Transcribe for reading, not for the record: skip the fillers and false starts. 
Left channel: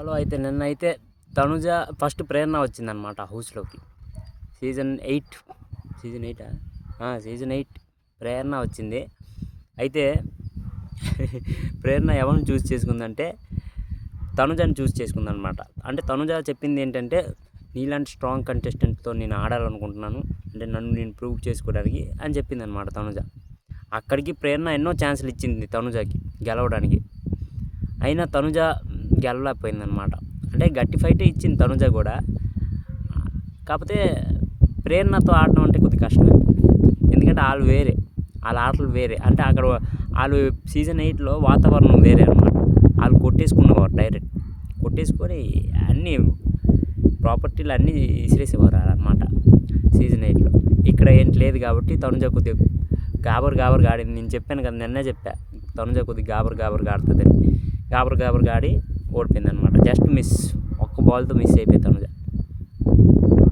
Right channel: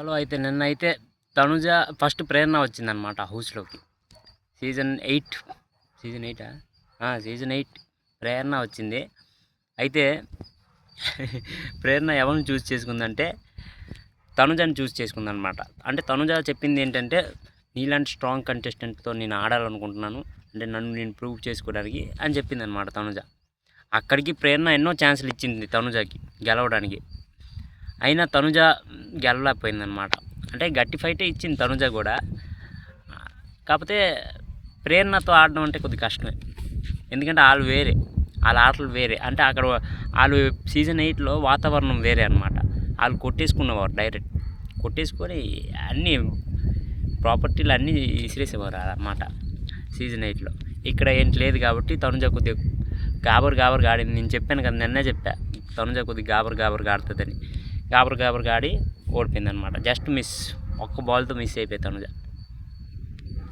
Hello అయితే నిన్నైతే Tanuja first ప్రేరణ వచ్చిందనమాట హౌస్లోకి. సీజన్ 8 సీజన్ 8 ప్రేరణ వచ్చింది. అయితే ప్రేరణ ఎవరిని చూస్ చేసుకుందంటే తనుజని చూస్ చేసుకుందనమాట. అంటే తనుజ చెప్పింది ఏంటంటే, నీలాంటి స్ట్రాంగ్ కంటెస్టెంట్తో నేను ఆడాలనుకుంటున్నాను, అంటే నన్ను నేను ప్రూవ్ చేసుకోవడానికి అని చెప్పిందనమాట తనుజ. అక్కడికి ప్రేరణ ఎన్నో ఛాన్సులు ఇచ్చింది తనుజకి గెలవడానికి, అయినా తనుజ గెలవలేకపోయిందనమాట. అంటే గట్టి ఫైటే ఇచ్చింది తనుజ కూడా, కాకపోతే ప్రేరణతో ఆడడం అంటే కొద్దిగా కష్టమే. ఎందుకంటే వాళ్ళ ఆటలు వేరే. అంటే అక్కడ వాళ్ళు సీజన్ 8లో వాతావరణం వేరే అనమాట. వాళ్ళు కొట్టేసుకునేవారు, డైరెక్ట్ కొట్టేసుకొని అన్నీ ప్రాపర్టీలు అన్నీ విసిరేసేవారు అన్నమాట సీజన్ 8లో. ఇక్కడ ఏంటి లేదు కాబట్టి తనుజ కొద్దిగా గాబర్ ఆడింది. నేను చెప్పాను కదా, నిన్నే చెప్పా తనుజ కొద్దిగా గాబర్ ఆడుతుందని. గాబర్ ఆడి ఓడిపోయింది అనమాట. జస్ట్ మిస్, ఒక్క బాల్తో మిస్ అయిపోయింది తనుజ.